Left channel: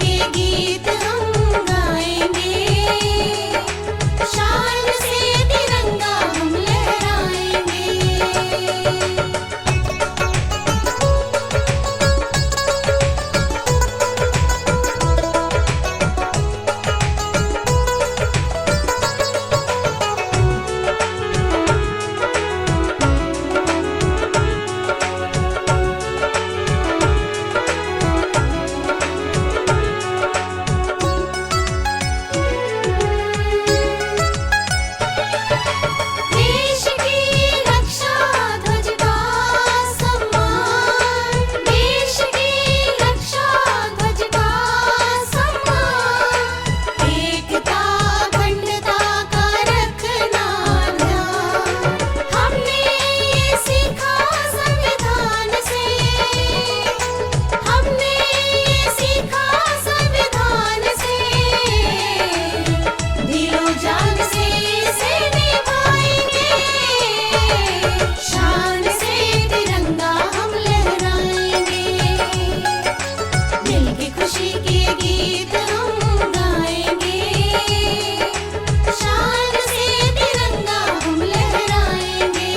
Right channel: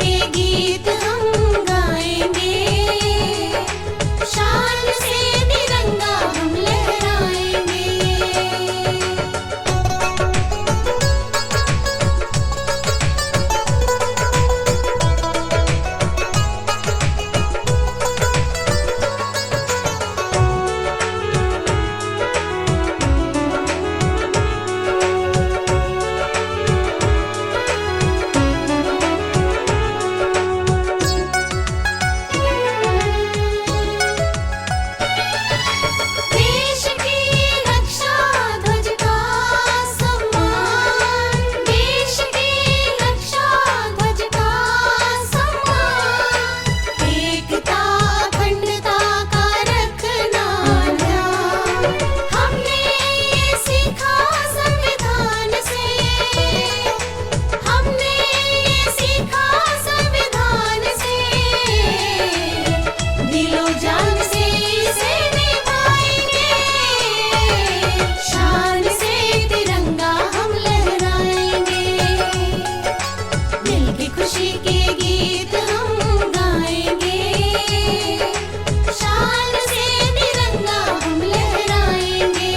के गीत हम गाएंगे, शान से तिरंगा हम लहराएंगे। देश की रक्षा ध्वज का सम्मान, देश की रक्षा ध्वज का सम्मान, एकता अखंडता का रखना ध्यान। हमने ये सीखा संविधान से, हमने ये सीखा संविधान से, दिलो जान से इसे निभाएंगे, शान से तिरंगा हम लहराएंगे। दिल की खुशी के गीत हम गाएंगे, शान से तिरंगा हम लहराएंगे।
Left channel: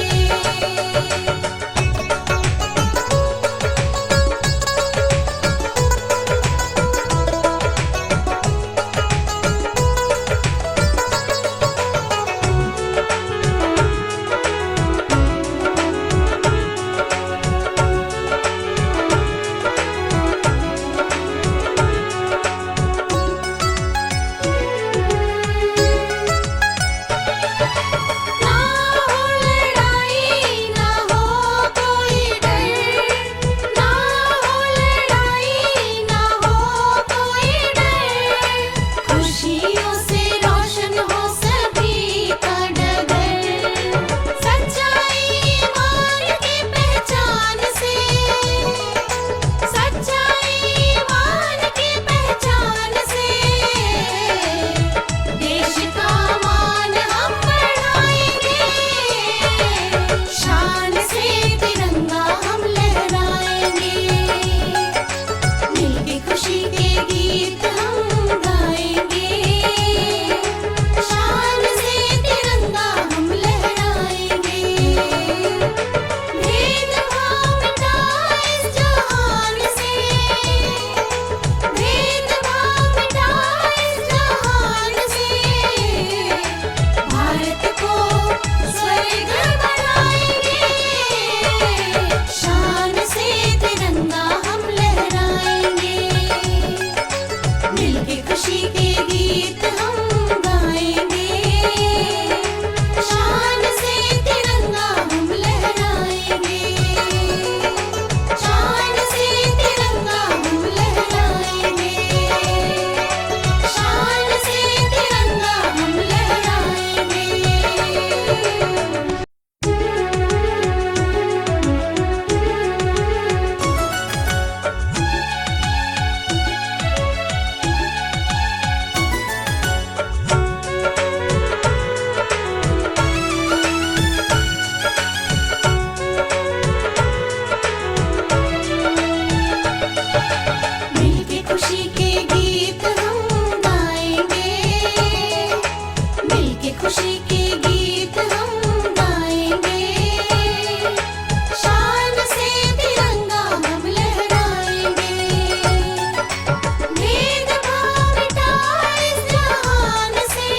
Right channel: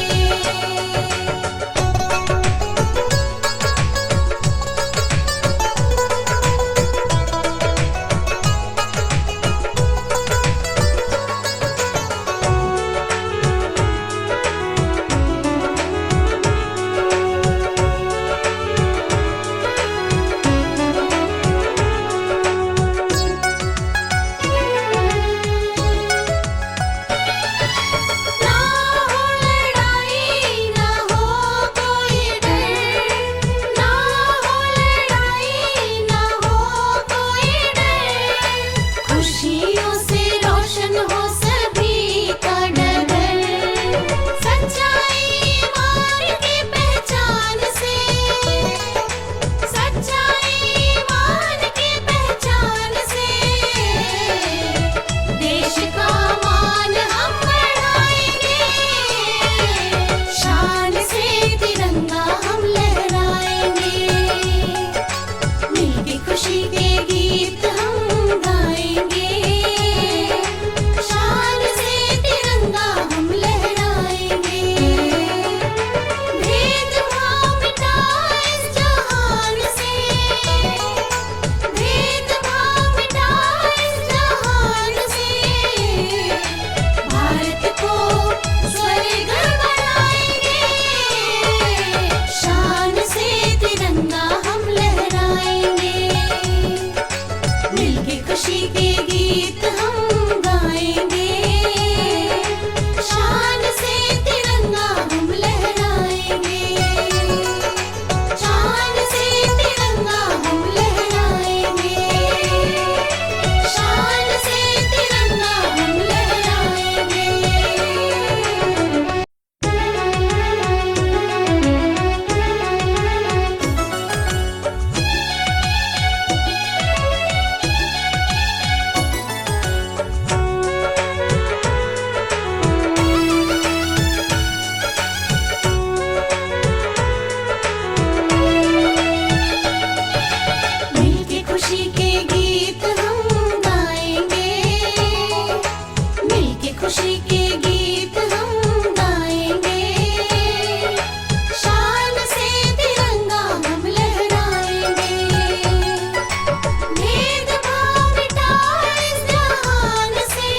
ना हो लड़ाई ना हो कोई डर, ना हो लड़ाई ना हो कोई डर, खुशियों से रोशन हो सभी का डगर। सच्चाई ईमान की पहचान से, सच्चाई ईमान की पहचान से, देश का मान हम बढ़ाएंगे, शान से तिरंगा हम लहराएंगे। मिलके खुशी के गीत हम गाएंगे, शान से तिरंगा हम लहराएंगे। भेदभाव मिटा इस जहान से, भेदभाव मिटा इस जहान से, भारत को स्वर्ग बनाएंगे, शान से तिरंगा हम लहराएंगे। मिलके खुशी के गीत हम गाएंगे, शान से तिरंगा हम लहराएंगे, शान से तिरंगा हम लहराएंगे, शान से तिरंगा हम लहराएंगे। मिलके खुशी के गीत हम गाएंगे, मिलके खुशी के गीत हम गाएंगे, शान से तिरंगा हम लहराएंगे। भेदभाव मिटा इस जहान से,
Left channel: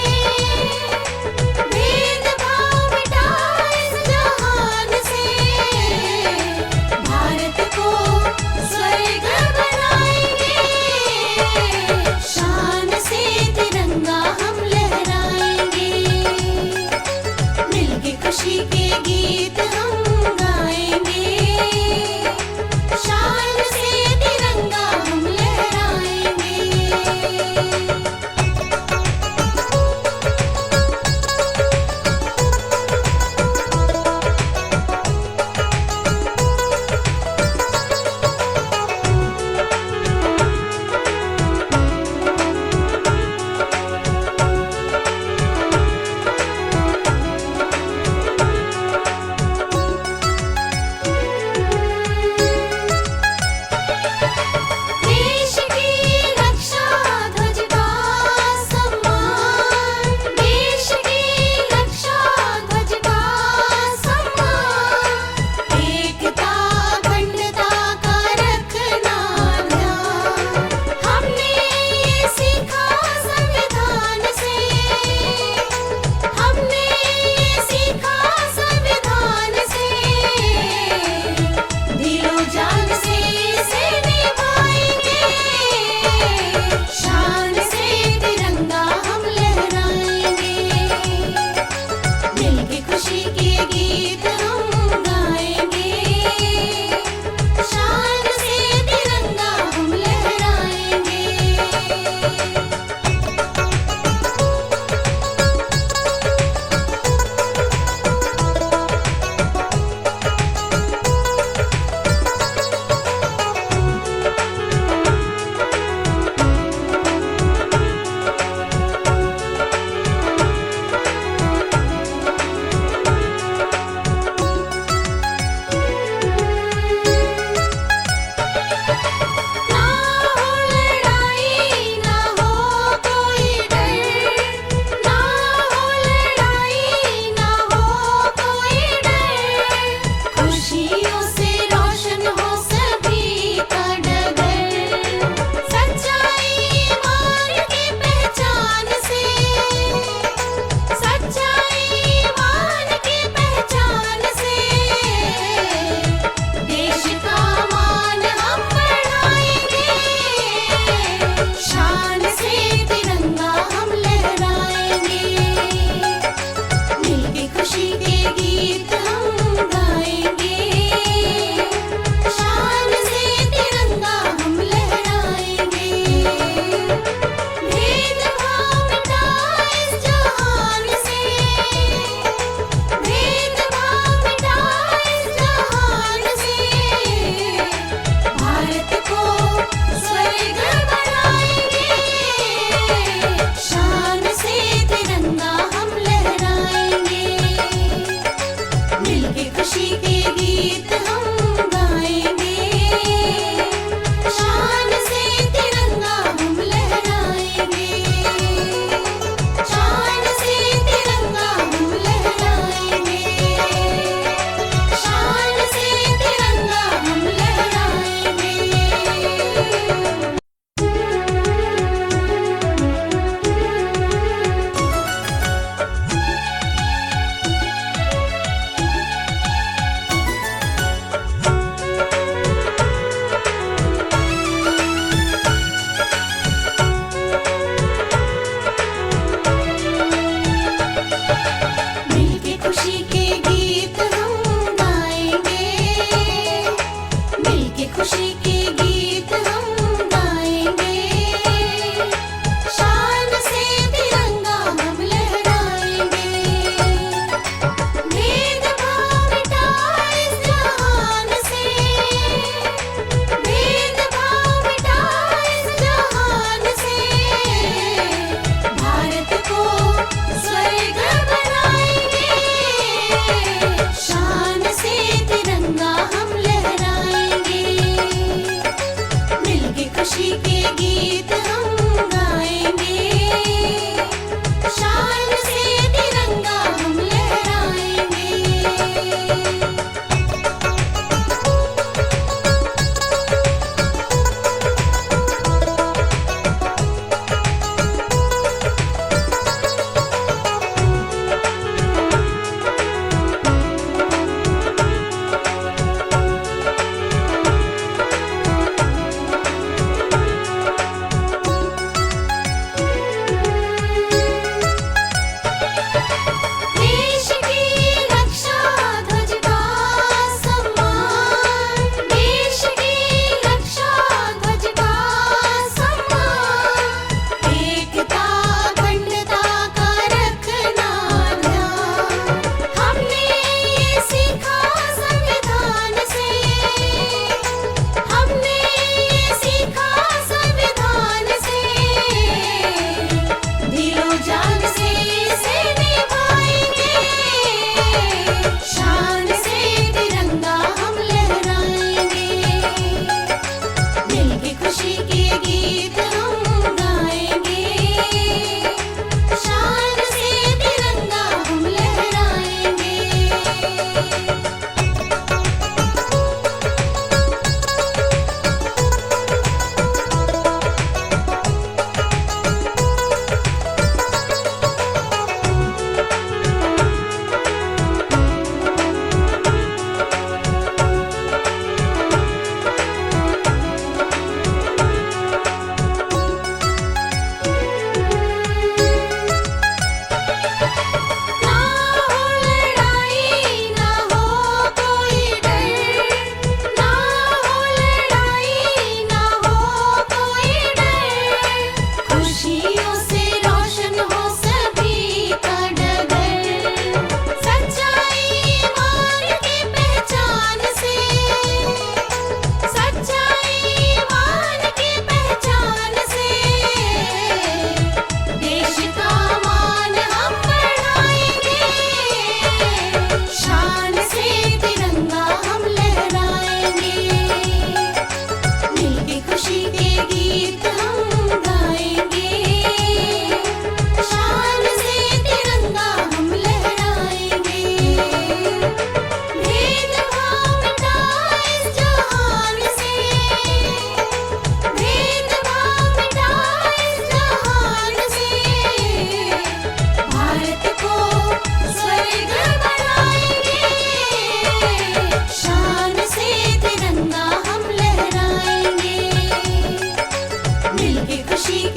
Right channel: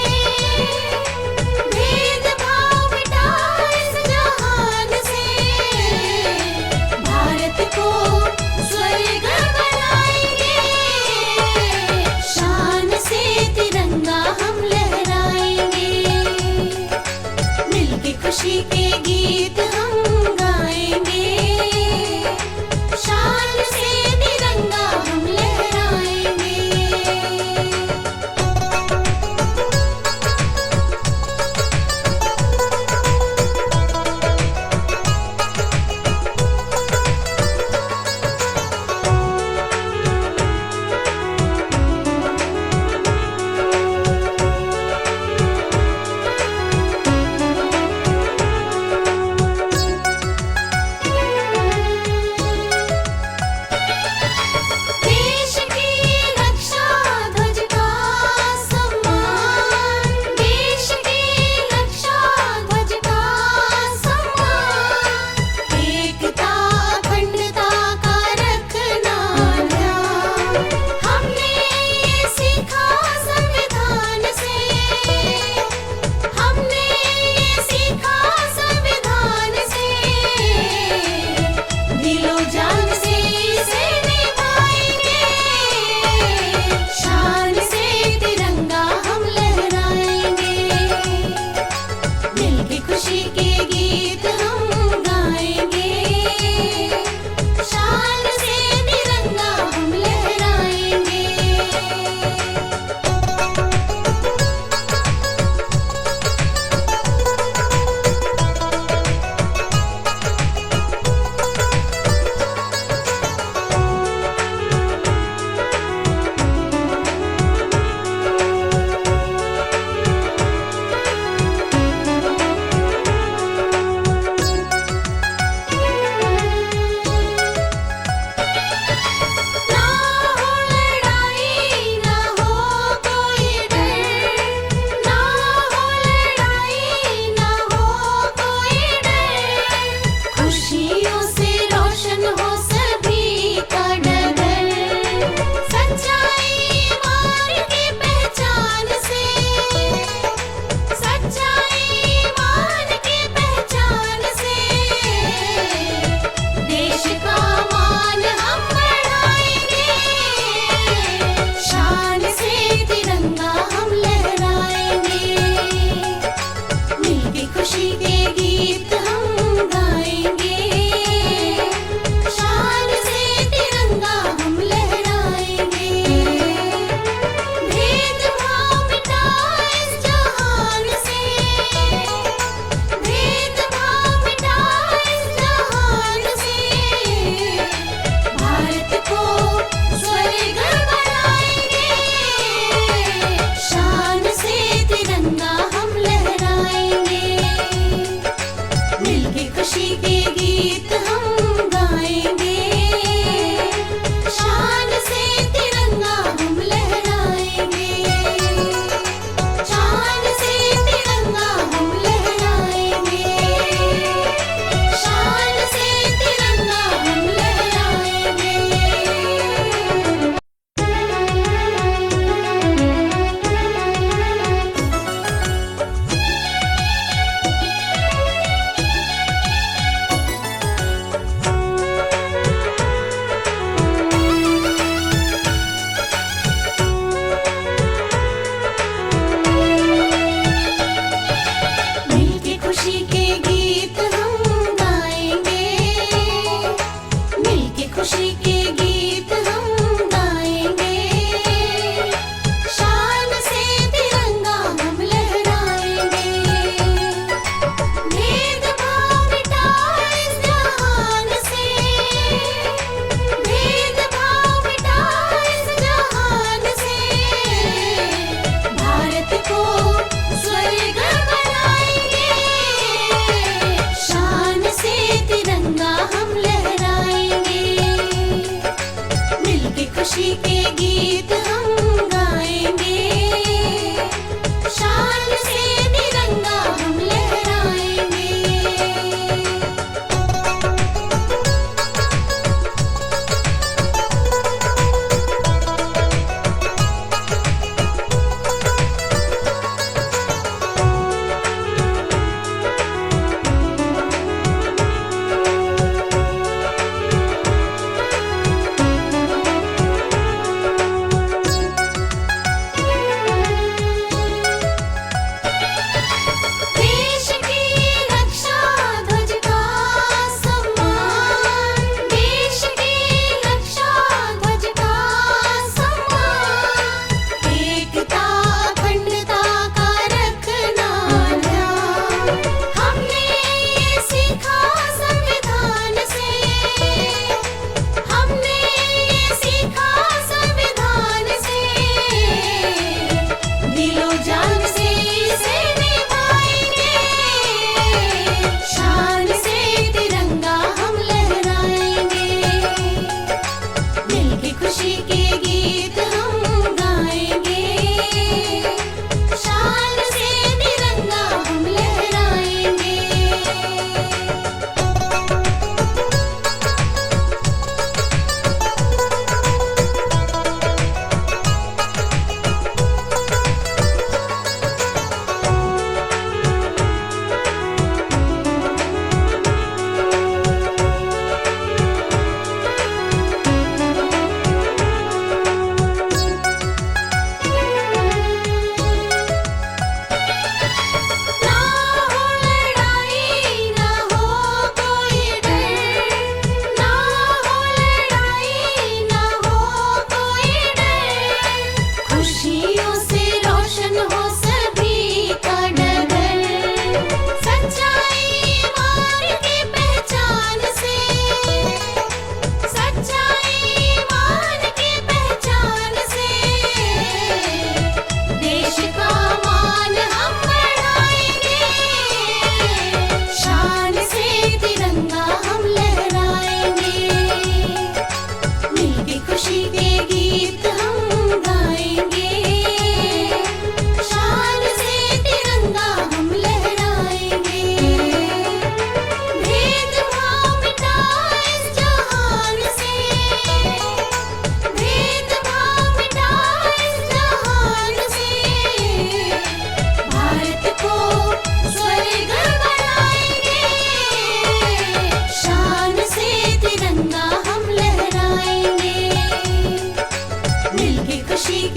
भेदभाव मिटा इस जहान से, भारत को स्वर्ग बनाएंगे, शान से तिरंगा हम लहराएंगे। शान से तिरंगा हम लहराएंगे, दिल की खुशी के गीत हम गाएंगे, शान से तिरंगा हम लहराएंगे।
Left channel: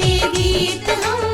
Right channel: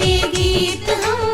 के गीत हम